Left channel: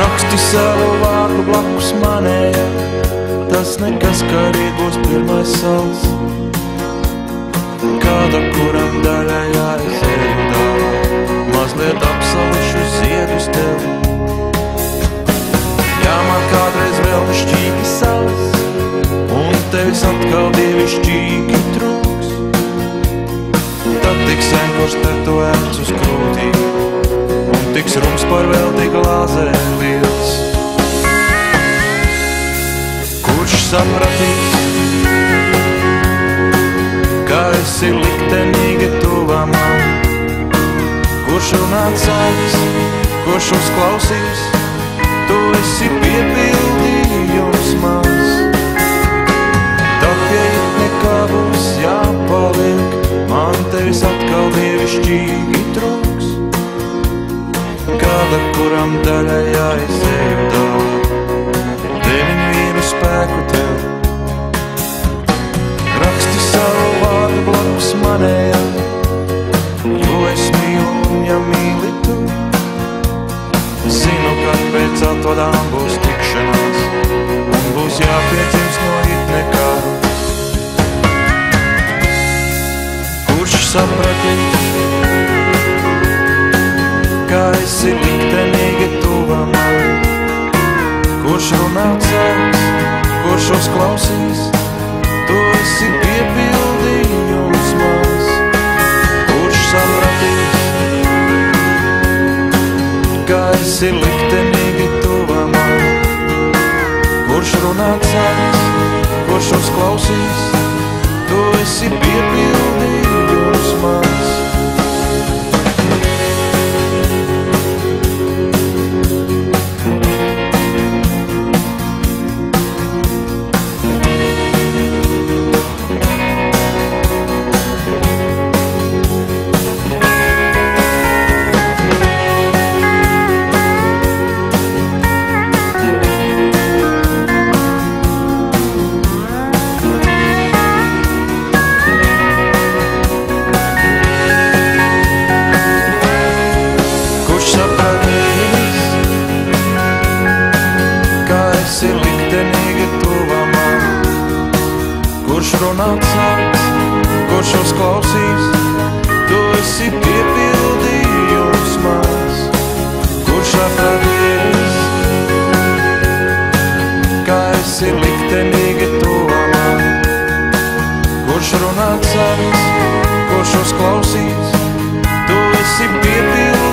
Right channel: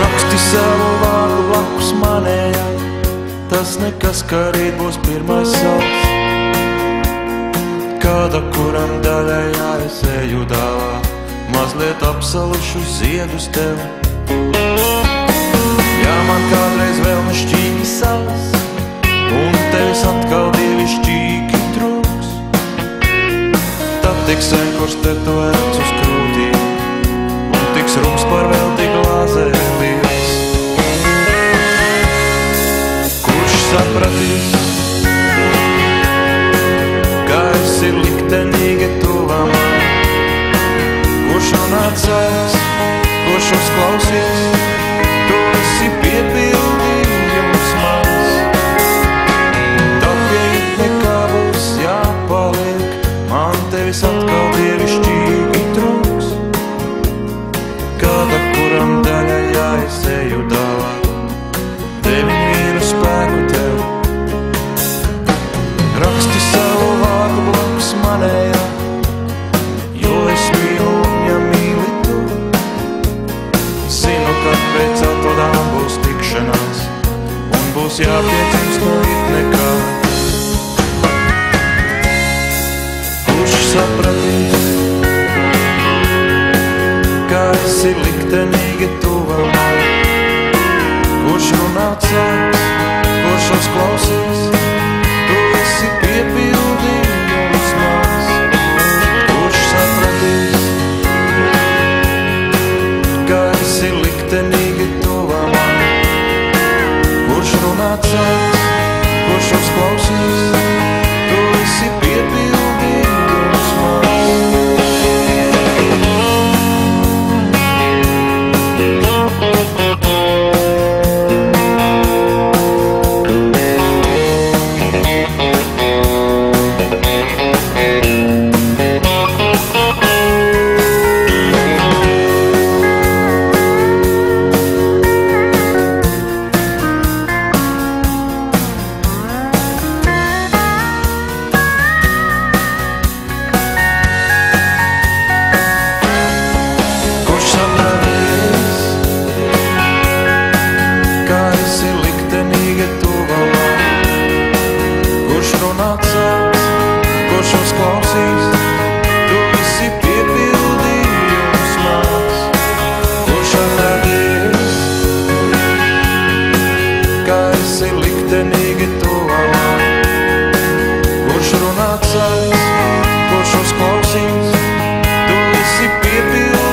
Raksti savu vārdu blakus manējā, tas nekas, kā rīt būs pirmais saules. Kāda, kuram daļai jāes eju dāvāt, mazliet apsalušu ziedus tev. Ja man kādreiz vēl nešķīgi saules, un tevis atkal dievišķīgi trūks, tad tiks vienkārš tetovēts uz krūtī, un tiks rums par velti glāzē liels. Kurš sapratīs, ka esi liktenīgi tuvā man? Kurš runāt sāks, kurš uzklausīs, tu esi piepildījums mans. Tad pie it nekā būs jāpaliek, man tevis atkal dievišķīgi trūks. Kāda, kuram daļai jāizēju dāvāt, deviņu vīru spēku tev. Raksti savu vārdu blakus manējā, jo es mīlu un ja mīli tu. Zinu, kad pēc atvadām būs tikšanās, un būs jāpiedzimst no it nekā. Kurš sapratīs, ka esi liktenīgi tuvā man? Kurš runāt sāks, kurš uzklausīs, tu esi piepildījums mans. Kurš sapratīs, ka esi liktenīgi tuvā man? Kurš runāt sāks, kurš uzklausīs, tu esi piepildījums mans. Sapratīs, ka esi liktenīgi tuvā man? Kurš runāt sāks, kurš uzklausīs, tu esi piepildījums mans. Kurš sapratīs, ka esi liktenīgi tuvā man? Kurš runāt sāks, kurš uzklausīs, tu esi piepildījums.